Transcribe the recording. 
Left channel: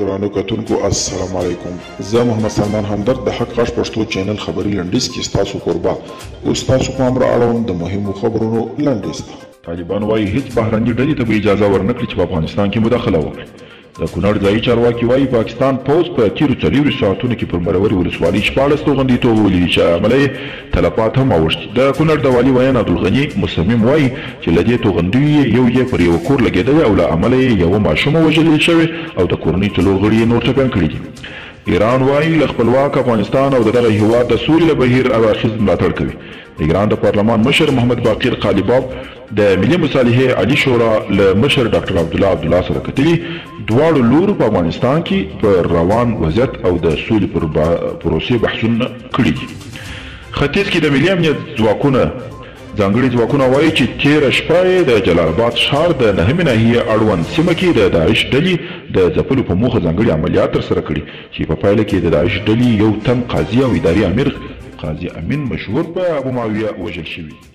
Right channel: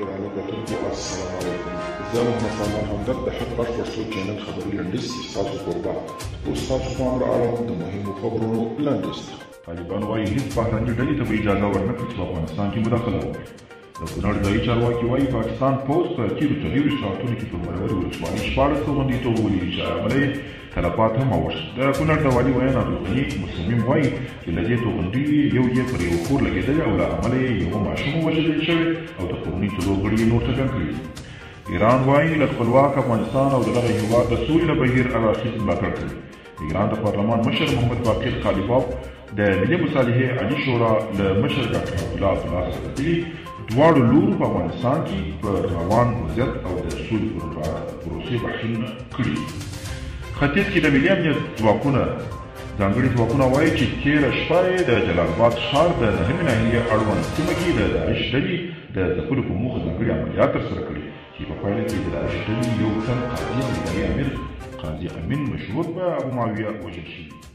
ګرانو کتونکو السلام علیکم. زه محمد سلمان همدرد د حق غږ پښتو چینل خبري لنډیز کې ستاسو کوربه اوس تاسو پام را اړوم د مهمو خبرونو لنډیز ته. طالبان وایي هیڅ بهرنۍ ډلې ته به اجازه ورنکړي چې په افغانستان کې مداخله وکړي. د کونړ ځایي چارواکي وایي پاکستان پوځ په تیرو 40 ساعتونو کې پر مروري ولسوالۍ 14 توغندیتوب ولیدي چې عمله یې تلفات هم اوښتي. د کونړ د والي ویان عبدالغني مصمم وایي چې له دې توغندیو یو یې پر یو کور لګېدلی او له امله یې یوه ماشومه وژلې شوې او د کورنۍ 4 غړي یې نور ټپیان کړي دي. ایران وایي له خپلواک افغانستان او د دغه هېواد د سولې له بهیر اړخیز ملاتړ کوي. د ایران د پارلمان مشر محمد باقر قالیباف د ملي مصالحې عالي شورا له مشر ډاکټر عبدالله سره کتلي دواړو لورو په افغانستان کې پر روان وضعیت او د سولې پر پروسې بحثونه کړي دي. ختیځ کې د ملي امنیت ځواکونه ځانګړي ځواکونه وایي چې تېره شپه یې د جلال آباد ښار د 9مې ناحیې اړوند سیمه کې د داعش ډلې د ځپلو په موخه ځانګړي عملیات ترسره کړي چې په پایله کې د داعش ډلې یو تن قاضي او اداري امیر قاضي امین مشهور په ابو معاویه وژل شوي.